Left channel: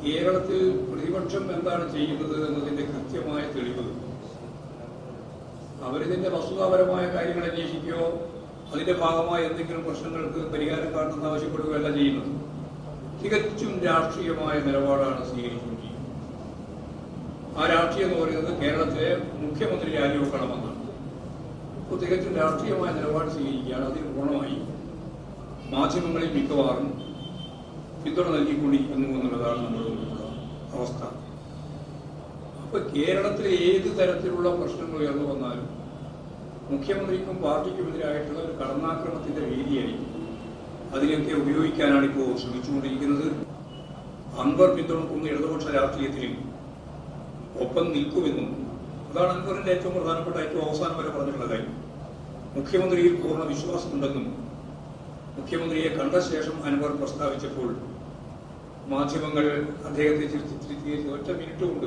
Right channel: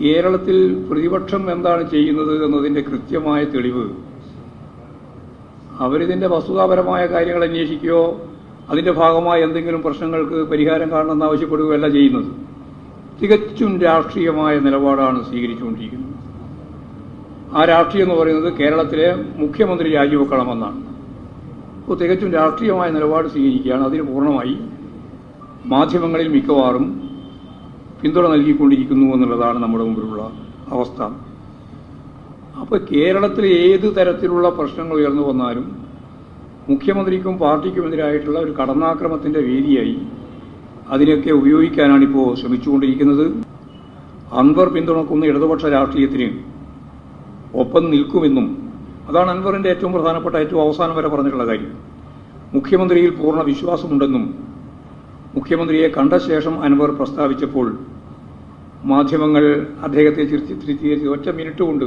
കേരളത്തിൽ പ്രതിപക്ഷം എന്താണ് ചെയ്യുന്നത് എന്നതിൻ്റെ കൃത്യമായ തെളിവ് അവരിതിൻ്റെ വസ്തുതാപരമായ കാര്യങ്ങൾ അന്വേഷിക്കുകയോ അതിൻ്റെ ഭാഗമായ എന്തെങ്കിലും പ്രശ്നങ്ങൾക്ക് പരിഹാരം കാണണമെന്ന് ആവശ്യപ്പെടുകയല്ല ചെയ്യുന്നത്. തികച്ചും രാഷ്ട്രീയമായ നിലപാടാണ് സ്വീകരിച്ചുകൊണ്ടിരിക്കുന്നത്. ആ രാഷ്ട്രീയം എന്ന് പറയുന്നത് കേരളത്തിലെ മുഖ്യമന്ത്രി രാജിവെക്കണമെന്നാണ്. അപ്പോൾ തികച്ചും രാഷ്ട്രീയമായ നിലപാട് സ്വീകരിക്കുകയാണ്. അതിന് പൂർണ്ണമായി മാധ്യമങ്ങളിൽ മിക്കവാറും പിന്തുണ നൽകിക്കൊണ്ടിരിക്കുന്നു എന്നുള്ളതാണ് നമ്മുടെ മുമ്പിലുള്ള അവസ്ഥ. അപ്പോൾ കേരളത്തിൽ ഏത് തരത്തിലുള്ള പ്രശ്നങ്ങൾ ഉയർന്നു വന്നാലും മുഖ്യമന്ത്രിക്കും പാർട്ടിക്കുമെതിരായിട്ടുള്ള ഒരു കടന്നാക്രമത്തിൻ്റെ വേദിയായി അതിനൊക്കെ ഉപയോഗിക്കാനാണ് ഇപ്പോൾ ശ്രമിച്ചുകൊണ്ടിരിക്കുന്നത്. അൻവർ പിന്തുണക്കുന്ന ഇടതുപക്ഷ രാഷ്ട്രീയത്തിന് ഒപ്പം നിൽക്കുമെന്നും അതാണ് അൻവറിൻ്റെ ഏറ്റവും പ്രധാനപ്പെട്ട ഏറ്റവും അവസാനം വരെ പറഞ്ഞിട്ടുള്ള കാര്യം. മുഖ്യമന്ത്രിയിൽ പൂർണ്ണ വിശ്വാസമുണ്ടെന്നും മുഖ്യമന്ത്രിയെ കണ്ട ശേഷം അൻവർ പ്രസ്താവിച്ചപ്പോൾ മാധ്യമങ്ങൾ അദ്ദേഹത്തെ ചിത്രീകരിച്ച് ഒറ്റ മിനിറ്റ് കൊണ്ട്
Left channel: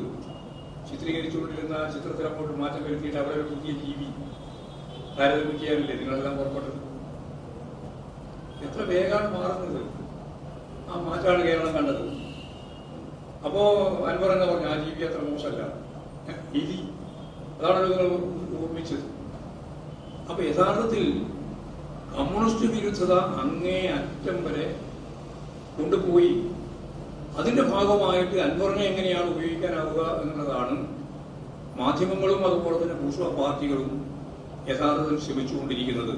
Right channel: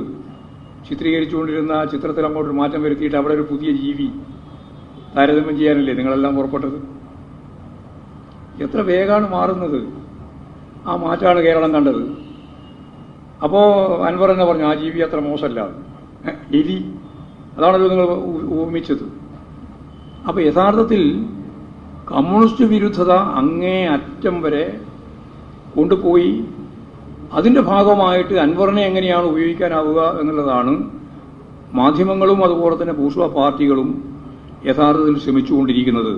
ചിത്രീകരിച്ചുകൊണ്ടിരുന്ന ചിത്രത്തിൽ അങ്ങോട്ട് മാറ്റം വരുത്തിയിട്ട് അവിടെ ഒരു പുതിയ ജീവി താരതമ്യം ചെയ്യാനല്ലേ നിങ്ങളെല്ലാം പുറപ്പെട്ടത്? എത്ര വേഗമാണ് മാറുന്നത്! ആ മാറ്റമാണ് കേരളം കണ്ടത്. അപ്പോൾ അൻവർ തന്നെ പറഞ്ഞു ആ ജീവി അത്ര മോശമല്ല, എലി, അതാണല്ലോ നിങ്ങൾ ഊമിച്ചത്. അപ്പോൾ യഥാർത്ഥത്തിൽ കമ്മ്യൂണിസ്റ്റ് വിരുദ്ധത അങ്ങേ അറ്റം വരെ കൊണ്ടുപോയി അതിൻ്റെ ഭാഗമായിട്ട് അൻവറിനെ എങ്ങനെയാണ് ഉപയോഗിക്കാനാവുക എന്നുള്ളതാണ് മാധ്യമങ്ങളും അതുപോലെ തന്നെ ബൂർഷ്വാ പാർട്ടികളും യഥാർത്ഥത്തിൽ ശ്രമിച്ചുകൊണ്ടിരിക്കുന്നത്.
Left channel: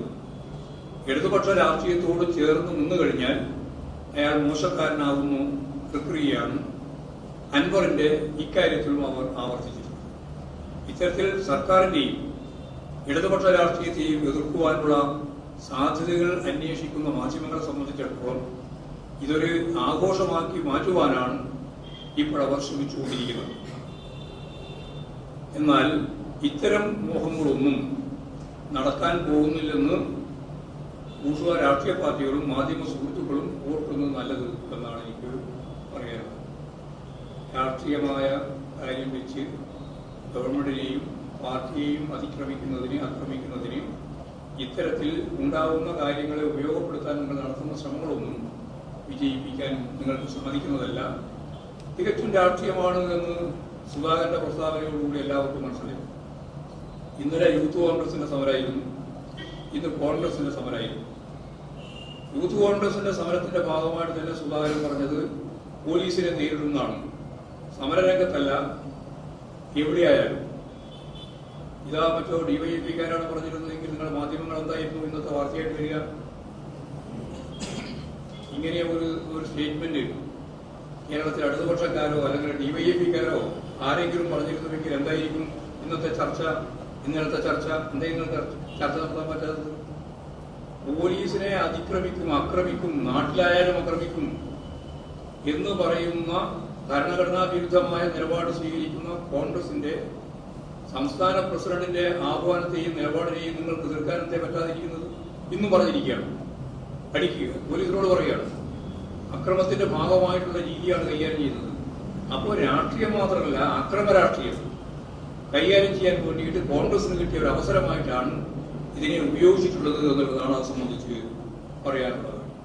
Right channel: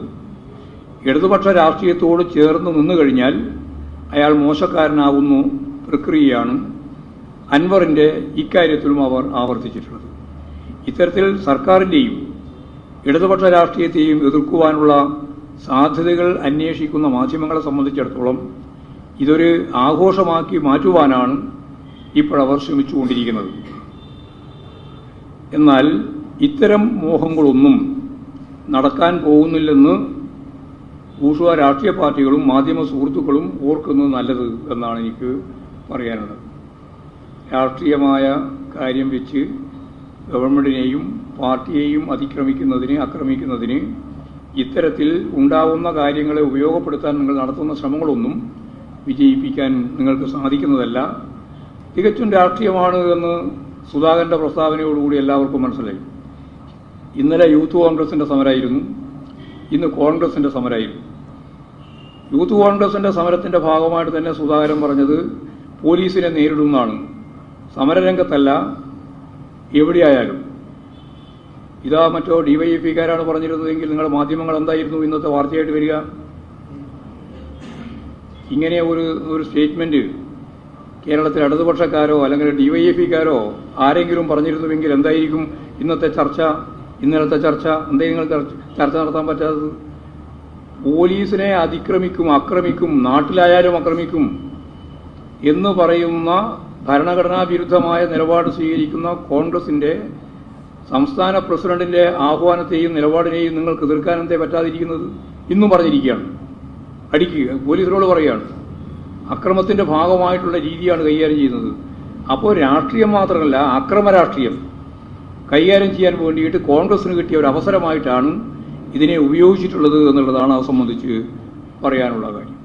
ഇടതുപക്ഷ രാഷ്ട്രീയത്തോട് ചേർന്ന് നിന്നു കഴിഞ്ഞാൽ അയാൾ മോശക്കാരനാവുന്ന പ്രക്രിയയാണ് അൻവറിൻ്റെ ഇക്കാര്യത്തിലും അവർ ആവർത്തിച്ചിട്ടുള്ളത്. ഇത്തരത്തിൽ സർക്കാരിൻ്റെയും ഇടതുപക്ഷ രാഷ്ട്രീയത്തെയും എതിർക്കുവാനുള്ള സാധ്യതകൾ അന്വേഷിക്കുന്ന മാധ്യമങ്ങളെ സംബന്ധിച്ചിടത്തോളം ഇതൊരു ആഘോഷമാക്കി മാറ്റുവാനാണ് ഇപ്പോഴവർ ശ്രമിച്ചുകൊണ്ടിരിക്കുന്നത്. എന്നാൽ ഇത്തരം മോഹങ്ങളൊന്നും നടക്കാൻ പോകുന്നില്ലെന്ന് ബൂർഷ്വാ രാഷ്ട്രീയ പാർട്ടികളും മാധ്യമ സുഹൃത്തുക്കളും ഓർക്കുന്നത് നല്ലത് എന്നാണ് എനിക്ക് പറയാനുള്ളത്. രാഷ്ട്രീയമായ കാര്യം വെച്ച് ഗവൺമെന്റിനെയും പാർട്ടിയെയും ആക്രമിക്കുന്നതിന് ഇത്തരത്തിൽ ഉണ്ടാവുന്ന കാര്യങ്ങളെ ഉപയോഗപ്പെടുത്താൻ നിങ്ങൾ നടത്തുന്ന ശ്രമങ്ങളൊന്നും വിജയിപ്പിക്കാൻ നിങ്ങൾക്ക് സാധിക്കുന്നതല്ല. തികച്ചും രാഷ്ട്രീയമാണ് എന്ന് സുധാകരന്റെ പ്രസ്താവനയോടുകൂടി എല്ലാവർക്കും മനസ്സിലായി. ഇന്നലെ യൂത്ത് കോൺഗ്രസിന്റെ സമരമായിരുന്നു, ഇന്ന് കോൺഗ്രസിന്റെ സമരമായിരുന്നു. യൂത്ത് കോൺഗ്രസിന്റെ സമരത്തിന്റെ ഭാഗമായിട്ട് തന്നെ സുധാകരൻ പറഞ്ഞത് പോലീസിനെ നേരിടുന്നതാണ്, സമരരംഗത്തല്ല എവിടെയായാലും. ഇതാ മറ്റോ ഡിവൈഎഫ്ഐക്കാരാണ് പറഞ്ഞിരുന്നതെങ്കിൽ നിങ്ങളുടെ മാധ്യമങ്ങൾ എന്തായിരുന്നു ഇന്നത്തെ വാർത്തയായിട്ട് വരിക? ഇങ്ങനെ ഒരു സ്റ്റേറ്റ്മെന്റ് കേരളത്തിൽ ഇടതുപക്ഷക്കാരോ അല്ലെങ്കിൽ ഡിവൈഎഫ്ഐക്കാരോ ആരെങ്കിലും പറഞ്ഞിരുന്നുവെങ്കിൽ എന്തായിരിക്കും ഇന്നത്തെ ചർച്ച, ഇന്നലത്തെ ചർച്ച? എന്തെങ്കിലും ചർച്ച നടത്താൻ പറ്റാത്തത്? പോലീസിനെ ആക്രമിക്കും, നാട്ടിലായാലും ആക്രമിക്കും എന്ന് പറയുന്ന ഭരണഘടനാ വിരുദ്ധമായ നിലപാട് സ്വീകരിക്കുന്ന കോൺഗ്രസിന്റെ സംസ്ഥാന പ്രസിഡന്റിന്റെ ആഹ്വാനത്തെയും നിലപാടിനെയും നിങ്ങൾക്ക് എതിർക്കാൻ എന്തേ പറ്റാതിരിക്കുന്നത്? ഇന്നും പറഞ്ഞിരിക്കുകയാണ്, അടിക്കുക, പോലീസിനോട് പറയുകയാണ്. അക്രമത്തിന്റെ ഭാഗമായിട്ടുള്ള രീതിയാണ് കൈകാര്യം ചെയ്യുന്നത്. അപ്പോൾ രാഷ്ട്രീയം മാത്രമല്ല, അക്രമ രാഷ്ട്രീയം കൈകാര്യം ചെയ്യാൻ വേണ്ടിയിട്ട് കോൺഗ്രസിന് കിട്ടിയ ഒരു അവസരമായിട്ടാണ് ഇതിനെ ഉപയോഗിച്ചിട്ടുള്ളത് എന്നുള്ളതാണ് അത് സംബന്ധിച്ച് പറയാനുള്ള കാര്യം.